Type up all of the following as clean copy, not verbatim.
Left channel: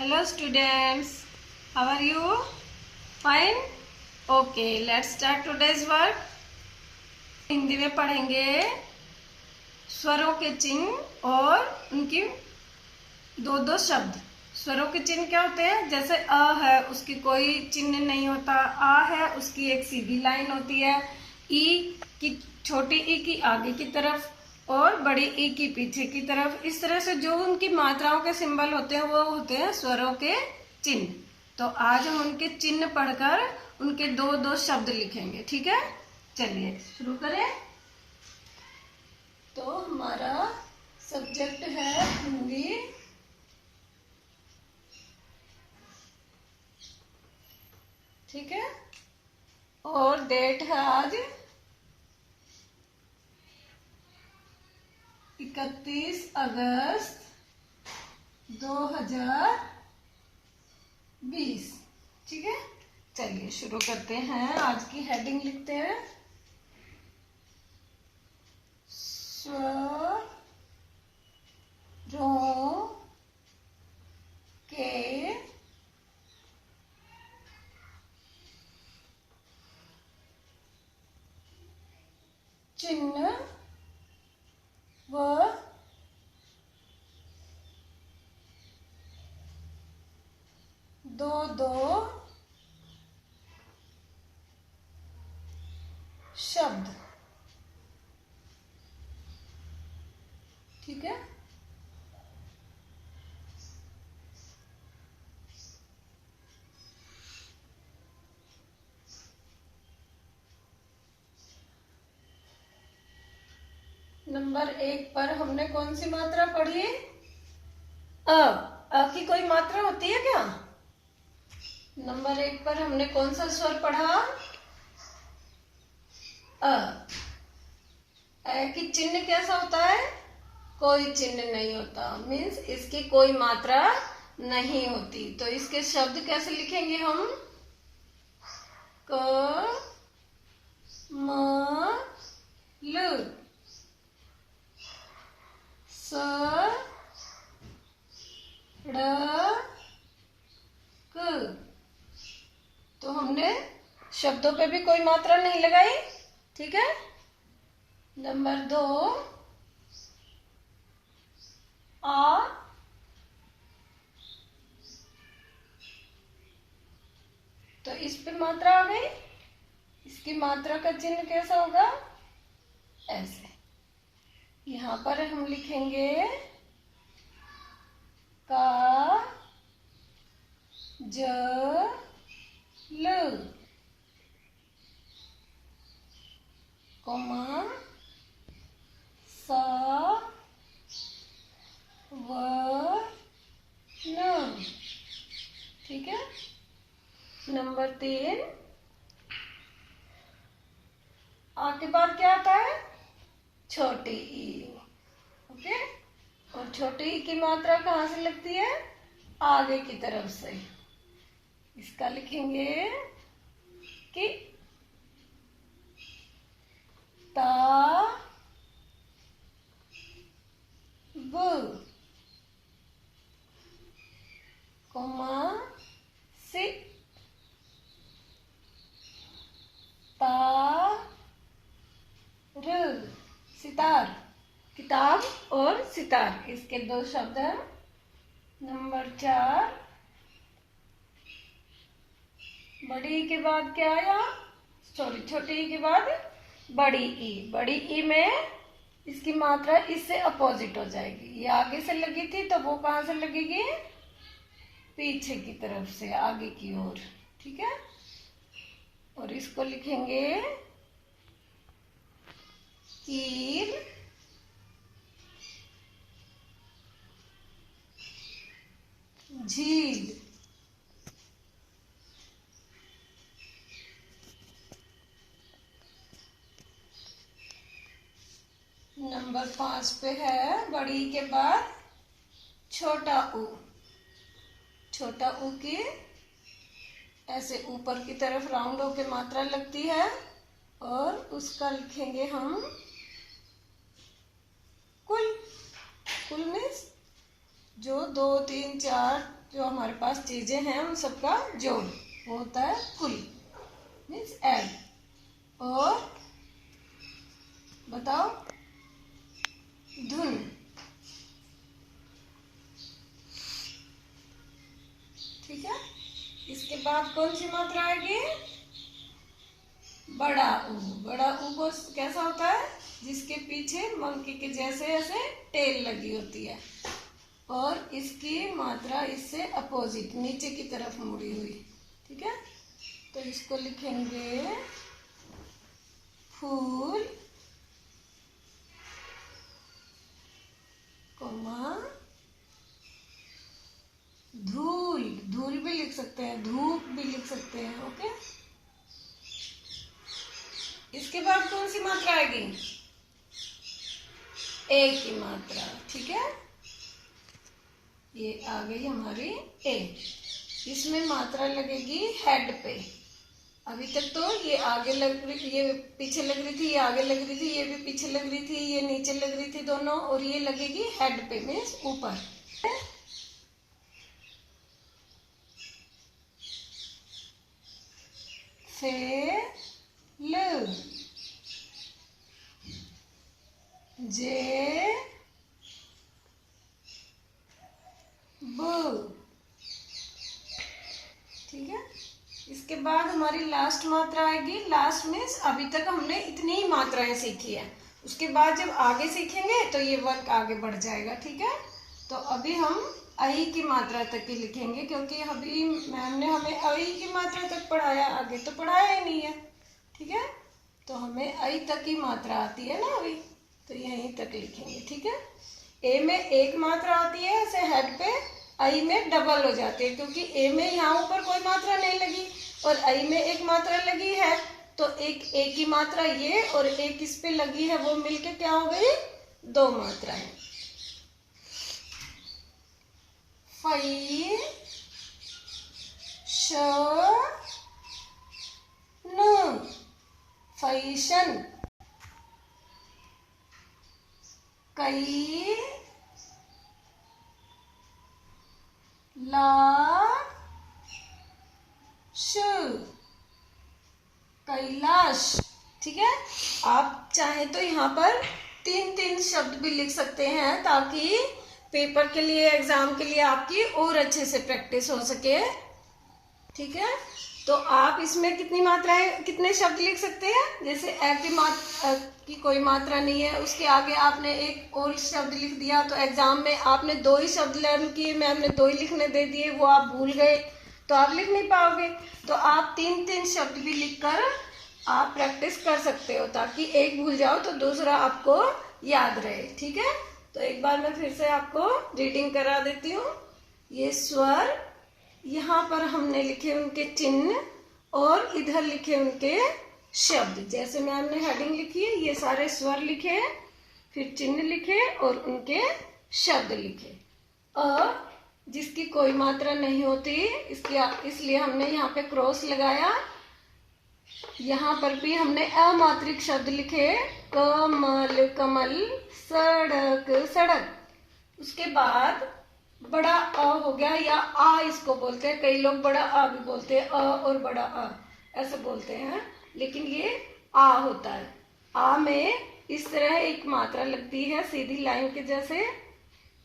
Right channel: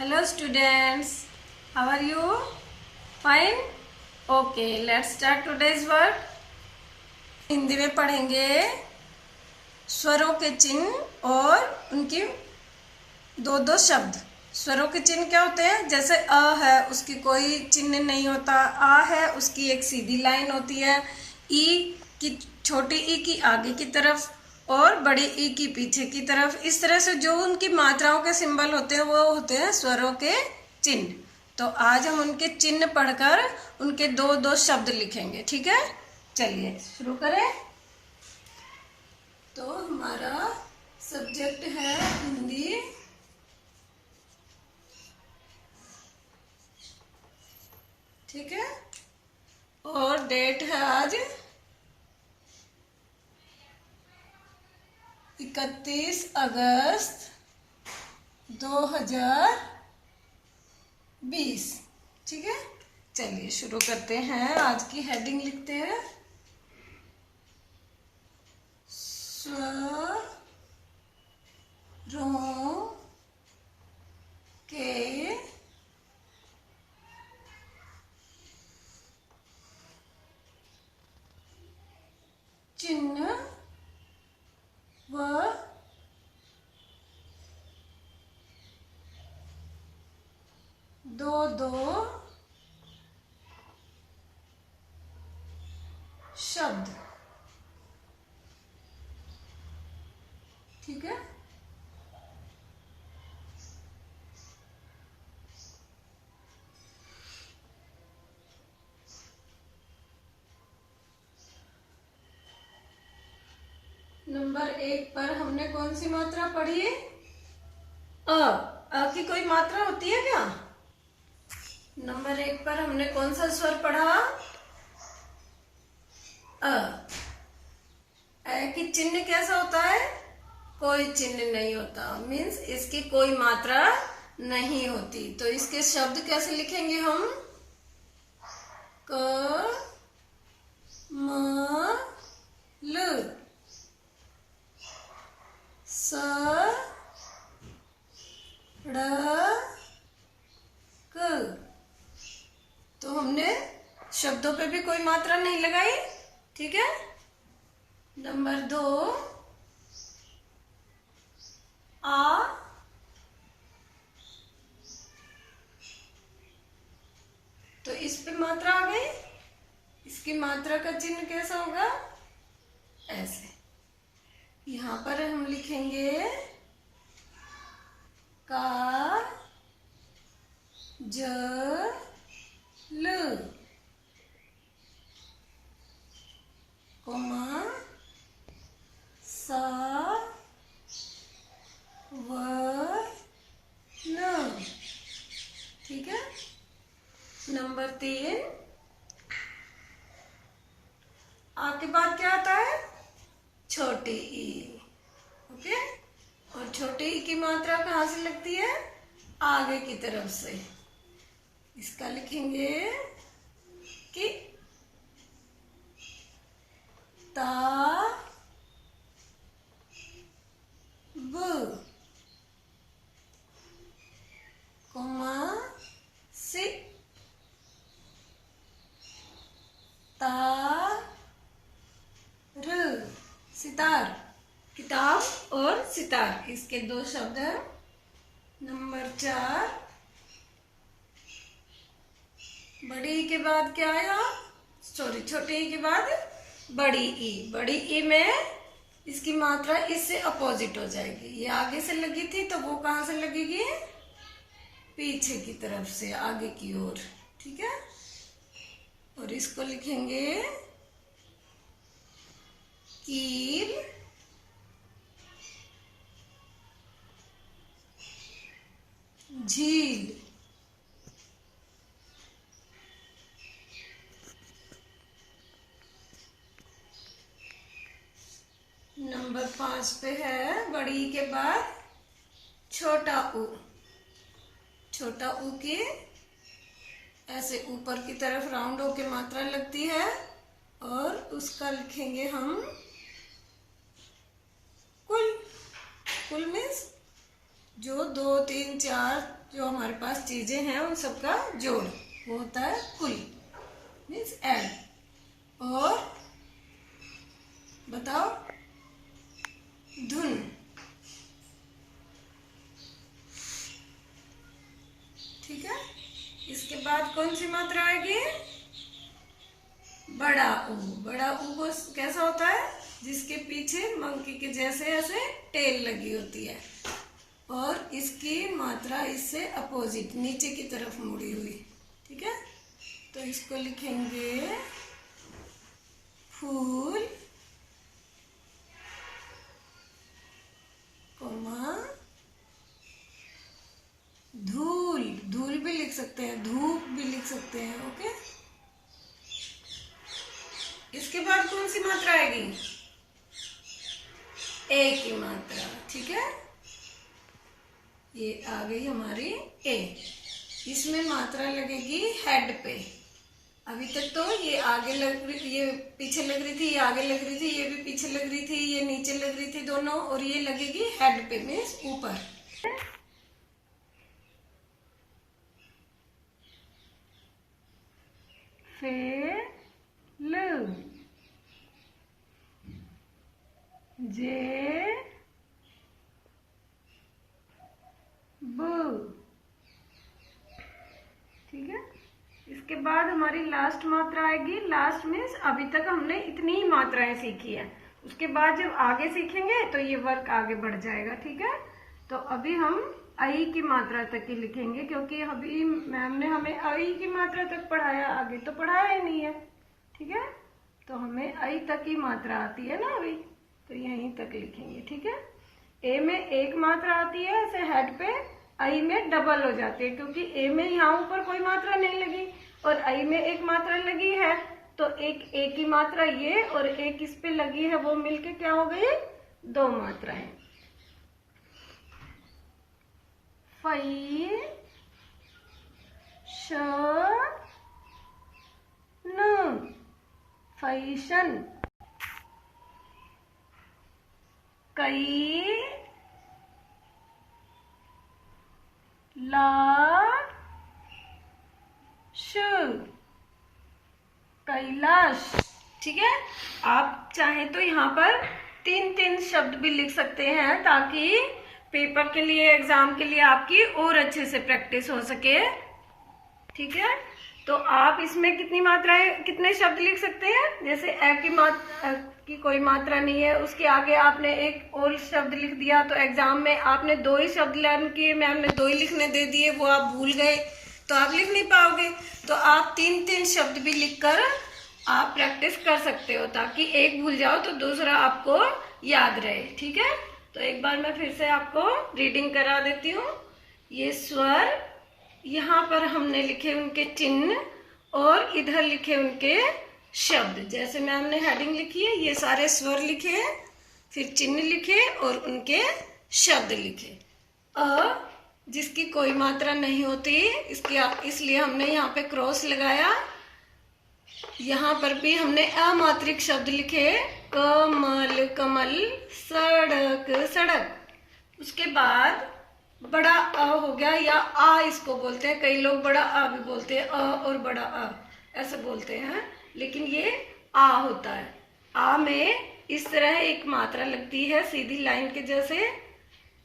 Hello students, how are you? Fine? Okay, let's start today's work. Hindi में पढ़ेंगे स्वरों के चिन्ह और उनकी दो दो शब्द। स्वरों के चिन्ह क्या होते हैं? जैसे अ है उसकी कोई चिन्ह नहीं होता, आ है उसकी एक सीधी लाइन होती है, ई की छोटी ई की आगे की तरफ और बड़ी ई की पीछे की तरफ। इस तरह से जो उनकी मात्राओं के सिंबल होते हैं वो होते हैं स्वरों के चिन्ह। तो आज हम उनके चिन्ह पढ़कर उनके दो दो शब्द लिखेंगे, ठीक है? चलिए शुरू करें। तो हमारा सब्जेक्ट है हिंदी। ठीक है, और डेट है आज 31 अगस्त 2020। ठीक है, चलिए शुरू करते हैं। आज की हेडिंग लिखते हैं स्वरों के चिन्ह व दो दो शब्द। ठीक है, नंबर 1 पर हमने कौन सी मात्रा पढ़ी? अ की कोई मात्रा होती है क्या? नंबर 1 पर हमने कौन सा स्वर पढ़ा? अ की चिन्ह कैसा होता है? कोई चिन्ह नहीं होता, मीन्स इसकी कोई मात्रा नहीं होती। तो इसके शब्द कैसे लिखेंगे हम? क म ल स ड़ क। तो हमने शब्दों पे भी कोई मात्रा नहीं लगाई। ठीक है, नंबर 2 आ। तो इस पे मात्रा आ गई। इसकी मात्रा का चिन्ह कैसा होगा? ऐसे। यहां पर हम लिखेंगे का ज ल कोमा सा व न। ठीक है, नंबर 3 आ के बाद क्या आता है? छोटी ई। ओके, और छोटी ई की मात्रा कहाँ से लगती है? आगे की तरफ से। इसका लिखेंगे कि ता ब कोमा से ता र। सितार, किताब और सितार, इसके दो शब्द हैं। नंबर 4 बड़ी ई के बाद क्या आया? सॉरी, छोटी ई के बाद बड़ी ई। बड़ी ई में इसकी मात्रा इससे अपोजिट हो जाएगी। ये आगे से लगी थी तो वो कहाँ से लगेगी? पीछे की तरफ से, आगे की ओर। ठीक है, और इसको लिखेंगे कील झील। नंबर 5 पे है बड़ी के बाद छोटा ऊ। छोटा ऊ की ऐसे ऊपर की तरफ राउंड होके मात्रा लगती है और उसका लिखेंगे हम कुल। कुल मीन्स जो 2 3 4 जो हमारे पास चीजें हैं उन सबका जोड़ वो होता है कुल, मीन्स एड। और बताओ धुन। ठीक है, इसके बाद कौन सी मात्रा आएगी? बड़ा ऊ। बड़ा ऊ को कैसा होता है? जिसके पीछे मंकी के जैसे ऐसे टेल लगी होती है और इसकी मात्रा इससे अपोजिट नीचे की तरफ मुड़ी हुई। ठीक है, तो इसको लिखेंगे फूल कोमा धूल। धूल भी लिख सकते हैं, धूप भी लिख सकते हैं। ओके, इसके बाद कौन सी मात्रा आएगी? ए की मात्रा। ठीक है, ये आ गई हमारी ए। इसमें मात्रा लगेगी हेड पे। अभी तक तो ये आगे लग रही थी, ये पीछे लग रही थी, ये आगे लग रही थी, ये भी पीछे लग रही थी, ये नीचे लग रही थी दोनों, और ये लगेगी हेड पे मीन्स ऊपर। फेल जे ब। ठीक है, इसके बाद हमारी लास्ट मात्रा आएगी। लास्ट मीन्स अभी तक हमने इतनी ही मात्राएं सीखी है, उसके बाद जब आगे सीखेंगे तो ये वर्क आगे बढ़ जाएगा। ठीक है, तो अभी हम आई की मात्रा तक ही लिखेंगे, क्योंकि अभी मैम ने हमें आई की मात्रा तक पढ़ाया, आगे तो पढ़ाया ही नहीं है। ठीक है, तो हमें आई तक ही मात्रा आती है ना अभी, तो यहीं तक लिखेंगे। ठीक है, ए में एक मात्रा आती है ऐसे हेड पे, आई में डबल हो जाती है, क्योंकि ए में यहाँ ऊपर कोई मात्रा नहीं लगी और आई में एक मात्रा लगी है, तो एक ए की मात्रा ये और एक इस पे लगी है, वो मिलके क्या हो गई? 2 मात्राएं। फई श न, फैशन। कई कैलाश। ठीक है, आप चाहे तो यहाँ पर 3-3 शब्द भी लिख सकते हैं, ताकि पेपर के लिए, एग्जाम के लिए आपकी और अच्छे से प्रैक्टिस हो सके। ठीक है, तो आप इसमें कितनी मात्राएं, कितने शब्द लिख सकते हैं? जैसे ए की कोई मात्रा नहीं है, उसके आगे आपने एक और शब्द लिख दिया, तो एग्जाम में आपने 2 ही शब्द लर्न किए, मैम ने 2 ही लिखने दे दिए, वो आप भूल गए तो आप लिख नहीं पाओगे। तो आप 3-3 शब्द भी लिखकर आप प्रैक्टिस कर सकते हो, ताकि एक भूल जाओ तो दूसरा आपको याद रहे। ठीक है, तो एक बार मैं फिर से आपको रीडिंग करा देती हूँ। ये स्वर, यहाँ पर हमने लिखे उनके चिन्ह और इधर लिखे उनके शब्द। जैसे मैम ने हेडिंग लिखी है, ये सारे स्वर लिखे, फिर चिन्ह लिखे और उनके शब्द लिखे। अ जिसकी कोई मात्रा नहीं होती, इसलिए हमने यहाँ पे क्रॉस लगाया। यहाँ पर भी हमने अमात्रिक शब्द लिखे, कमल कमल, सड़क सड़क। उसके बाद बड़ा अ हो गया, या आ इसको बोलते हैं, कई लोग बड़ा आ भी बोलते हैं, अ और बड़ा आ ऐसे बोलते हैं, लेकिन ये आ होता है। आ में इस तरह एक मात्रा लगती है सीधी लाइन के जैसे,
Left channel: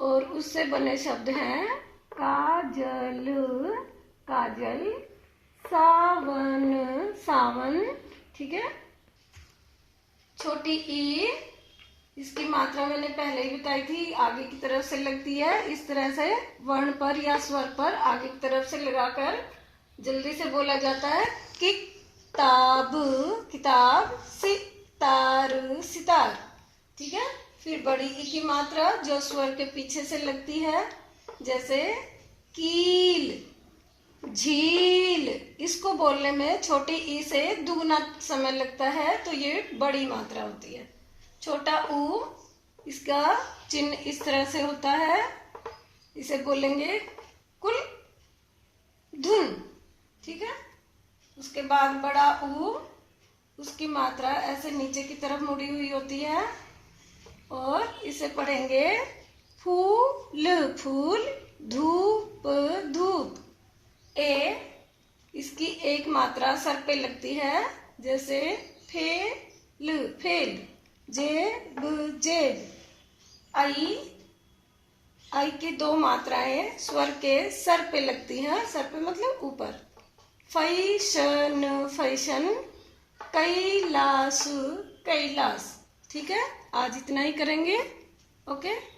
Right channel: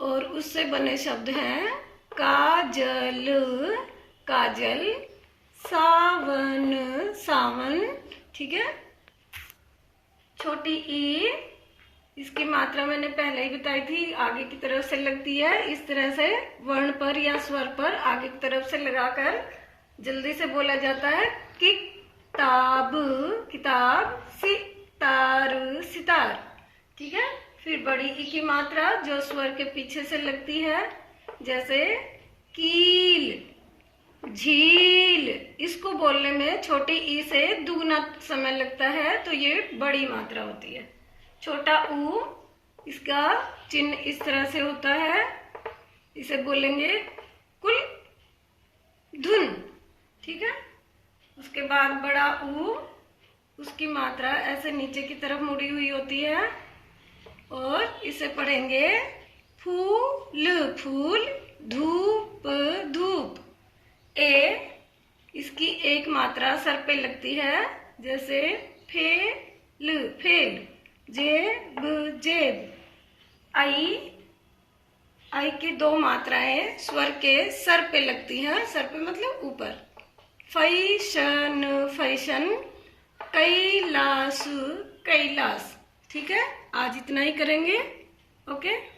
और उससे बने शब्द हैं काजल काजल, सावन सावन। ठीक है, छोटी ई, इसकी मात्रा मैंने पहले ही बताई थी, आगे की तरफ से लगती है, इस तरह से वर्ण पर या स्वर पर आगे की तरफ से लगाकर जल्दी से बोला जाता है कि किताब किताब, सितार सितार। ठीक है, फिर बड़ी ई की मात्रा जो स्वर के पीछे से लगती है, जैसे कील झील। इसको बोलने में छोटी ई से दुगना समय लगता है, तो ये बड़ी मात्रा होती है। छोटा ऊ, इसका चिन्ह इस तरह से होता है, इसे बोलेंगे कुल धुन। ठीक है, उसके बाद बड़ा ऊ, उसकी मात्रा ऐसे नीचे की तरफ मुड़ी हुई होती है, और इसे पढ़ेंगे फूल फूल, धूप धूप। ए इसकी एक मात्रा सर पे लगती है, जैसे फेल फेल, जेब जेब। आई की दो मात्राएं स्वर के सर पे लगती हैं, सर पे मतलब ऊपर। Fashion fashion, Kailash Kailash. ठीक है, आज इतना ही करेंगे। ओके।